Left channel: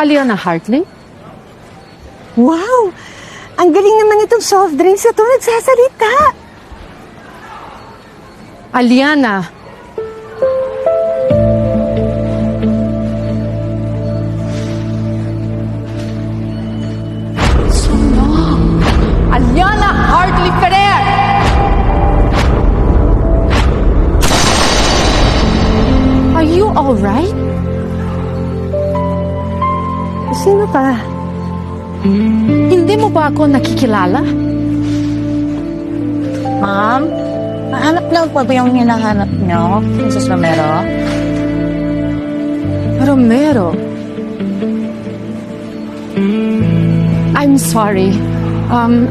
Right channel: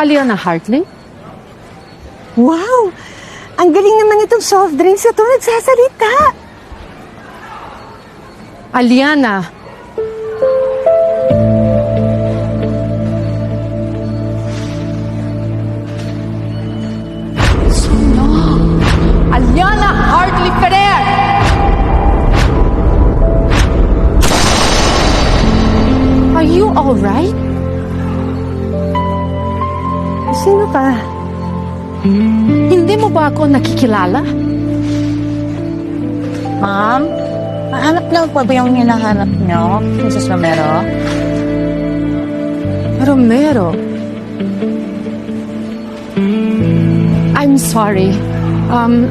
Aliana Hartley? Wow! Ang galing naman itong soft drinks na ito nagsasalita. Aliana. Aliana Hartley Ferrer! Are you alright? Sino ka? Hindi mo ba ako nakikilala? Ma'am, hanap lang po ba yung hinahanap niyo, Mrs. Romero? Romero. I'm sorry.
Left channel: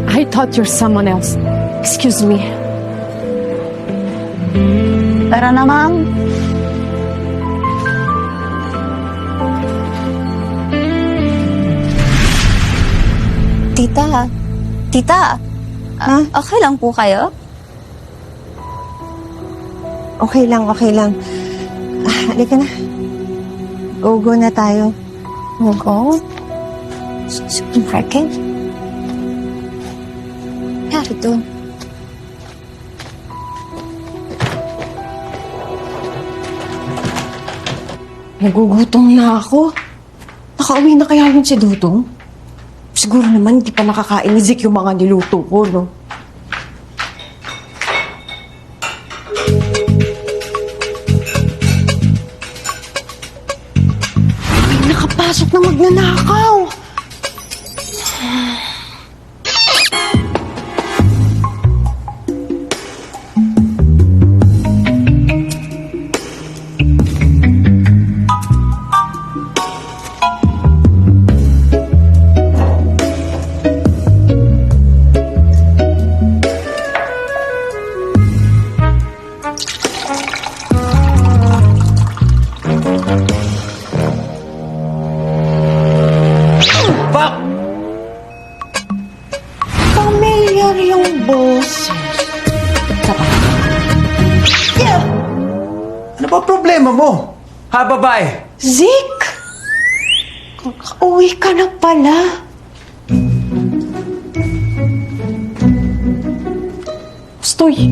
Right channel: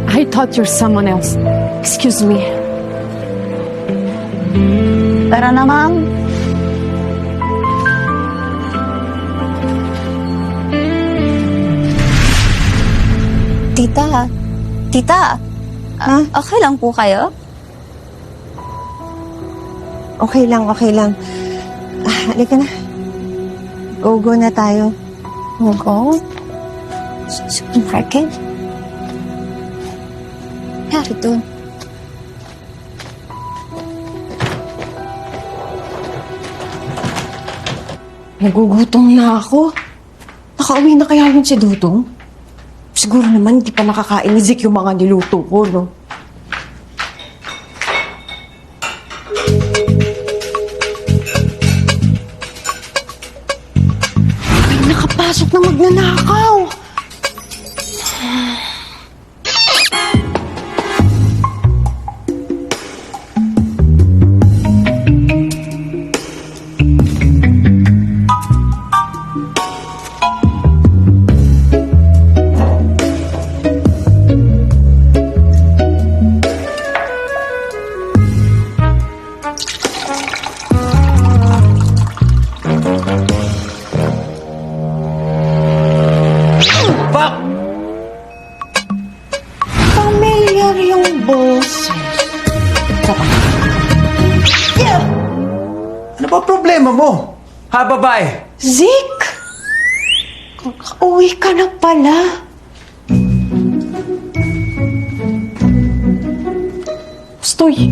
I thought you're someone else. Excuse me. Tara na, ma'am. Tita, okay lang po kayo? Okay lang. Halika na. Go na tayo. Go? Supermarket? Yari doon. Nagugutom na ako. Nakauwi na kaya yun si Dudong? Siguro naman hindi pa nakakain ni Zik yung mga niluto ko, no? May nakapasok na magnanakaw. Fuck! Familiar yung boses. Ano ba problema mo? Ha, babae? Zik! Kakauwi ka na pala. Stoy,